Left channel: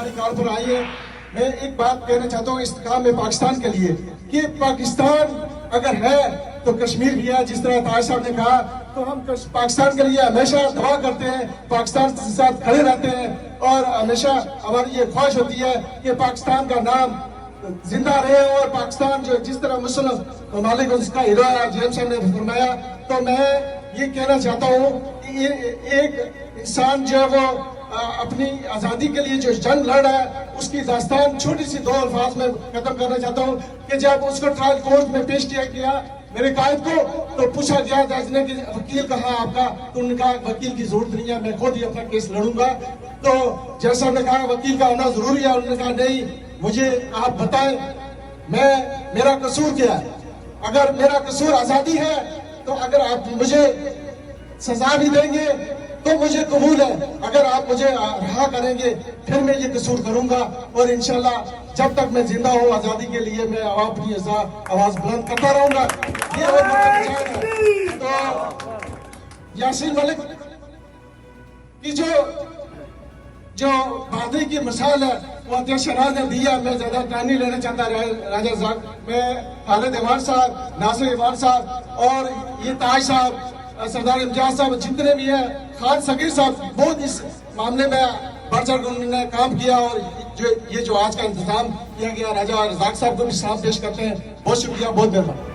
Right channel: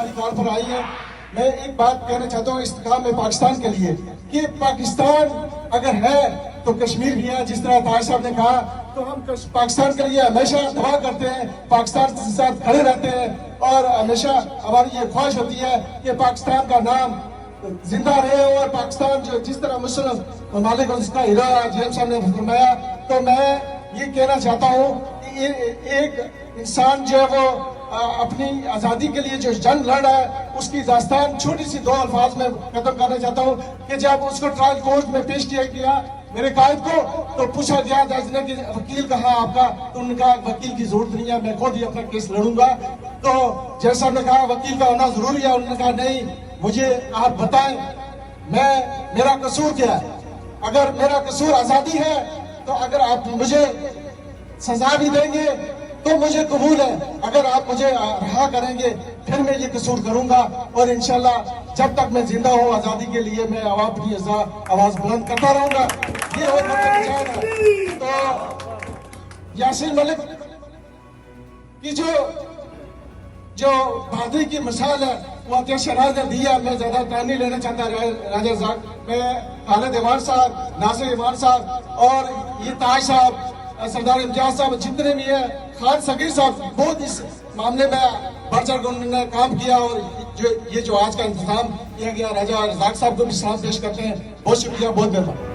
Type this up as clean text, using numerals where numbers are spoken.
हमारी कॉल पर आई है। मैं एक बात कहना चाहता हूँ इस काम में पाकिस्तान के लिए कि पाकिस्तान अगर है तो कश्मीर भी है। जिस तरह ताज साहब ने कहा, तो हम पाकिस्तान के लिए हमेशा दुआ करते हैं, पाकिस्तान के साथ खड़े रहते हैं और हमेशा हमारी ये ख्वाहिश होती है कि पाकिस्तान का नाम जिंदा रहे और पाकिस्तान जो जिस तरह मुस्लिम ममालिक उसका हीरो जेम्स साहब ने फरमाया। तो मैं ये कहना चाहता हूँ कि एक इंसान जो है वो अपनी आजादी के लिए जो जंग लड़ रहा है उसकी दास्तान छोटी सी दो अल्फाज में खत्म करना चाहता हूँ कि जब उसको ट्रायल कोर्ट में पेश किया गया मेरे कायद को, तो पूछा गया जज ने कि वकील कहाँ आपका, तो उन्होंने कहा वकील की जरूरत नहीं है, मैं खुद ही अपना केस लड़ूंगा। तो जज साहब ने कहा वकील का होना जरूरी है। उन्होंने कहा नहीं, मुझे आप बताएं मेरा कसूर क्या है। अगर मेरा कसूर आजादी है तो अगर आप मुझे सजा भी देंगे तो मुझे कबूल है, अगर आप मुझे रहा करेंगे फिर मैं ये कसूर करूंगा और इंशाल्लाह जब तक मैं जिंदा हूँ आजादी के लिए मैं अपनी आवाज बुलंद करता रहूंगा। ये तो यासीन मलिक की जो बहादुरी की मिसाल है वो अध्यक्ष राज ने दिया। मैं ज्यादा टाइम नहीं लेना चाहता राजा साहब, मैं खालिद इमाम साहब, नासिर इमाम साहब और ये ताज साहब, सरदार इम्तियाज साहब, जितने भी हैं, खान सगीर साहब, बहुत इस मामले में बढ़ चढ़ कर उन्होंने काम किया और जो आज का इंतजाम किया गया, राजा रजाक साहब को भी सलाम पेश करते हैं। बहुत शुक्रिया, बहुत मेहरबानी।